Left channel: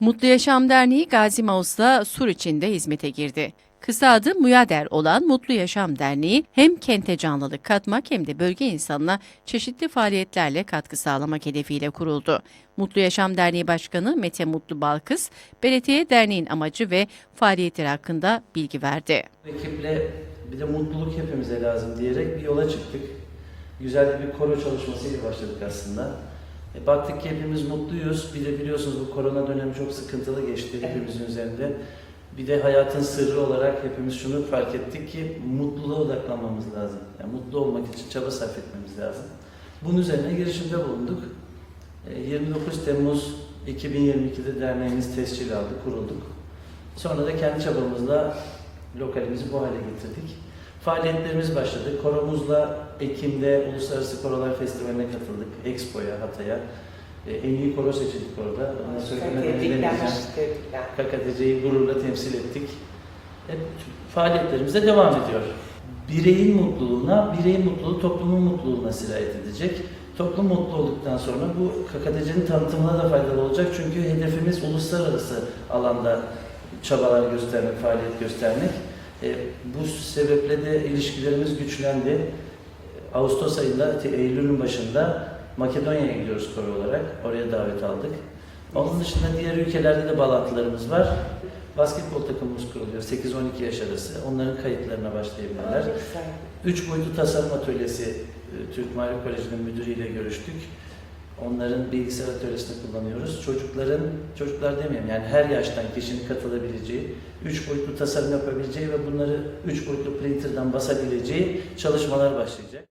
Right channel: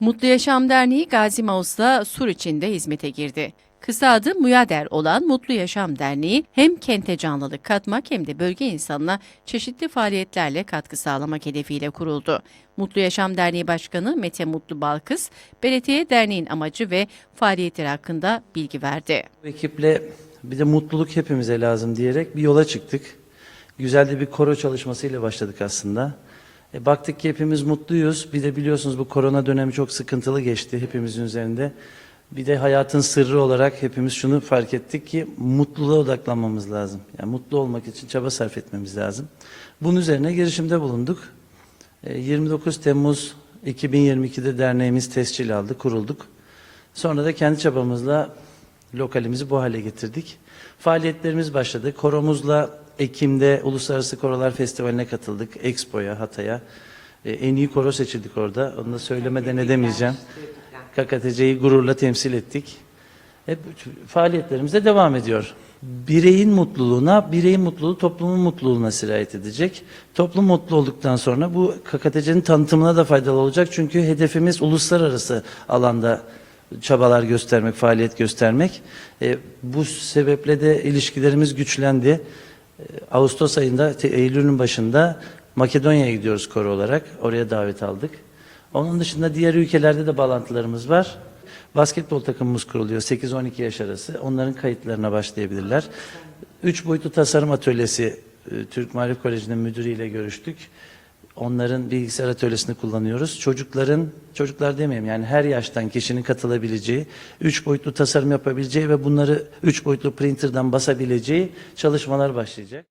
Mutlu Yaşam Derneği Gazi Mağus'la Sur içinde hizmete girdi. Kısa adı MUYADER olan Mutlu Yaşam Derneği hem kente canlılık katmak hem de bölge insanına çeşitli faaliyetlerle katkı sağlamak hedefiyle kuruldu. Mutlu Yaşam Derneği Başkanı Mete Mutlu Balkız, belediye derneğin amacı ve faaliyetleri hakkında bilgi verdi. Ekiple bir de mutluluk hepimize lazım diyerek bir yola çıktık. Güzel de bir koro çalışmasıyla başladık aslında. E, baktık ki hepimiz mutluyuz. Bir de biliyorsunuz bu korona dönemi çok sıkıntılı geçti hepimizin üzerinde. Bir de hayatın sırrı olarak hepimiz şunu fark ettik ki mutluluğa odaklanmamız lazım. Yani mutlu olmak için çaba sarf etmemiz lazım. Bunun üzerine girişimde bulunduk. E, 29 Temmuz 2022'de derneğimiz tescil aldı, kurulduk. Sonra da kendi çabamızla lokalimizi bu hale getirdik. Faaliyetlerimiz başladı. Koromuzla Ekim'de Uluslararası Korolar Festivali'ne katıldık. Expo'ya, Hatay'a. E, En iyi koro seçildik orada. Onu da söylemeden edemeyeceğim. KKTC'yi gururla temsil ettik. Hep faaliyetlerimiz de devam ediyor. Bireyin mutluluğuna, bireyin mutluluğu toplumun mutluluğuna sirayet edecek. Toplum mutlu olduktan sonra bu KKTC'nin tanıtımına da faydalı olacak. Çünkü hedefimiz uluslararası alanda çabalar göstermek, faaliyet göstermek. E, bu sebeple de ilişkilerimiz güçlendi. E, Ağustos ayında, Eylül'ün başında Makedonya'ya gidiyoruz koro olarak. Oraya davet aldık. Onun dışında diğer ülkelerde de bağlantılarımız var. Basketbol takımımız kuruluyor 8-12 yaş arası. Onların kayıtlarına başlayabilirler. Üç boyutlu tasarım atölyesi e, Türk Marif Koleji'nin müdürüyle görüştük. Onların bilgisayar atölyesini kullanıyoruz. Çocukların, çocuklar demeyeyim yani her yaştan kişinin katılabileceği, üç boyutlu tasarım yapabileceği ve bunları üç boyutlu printer'dan basabileceği çalışmalar başlayacak.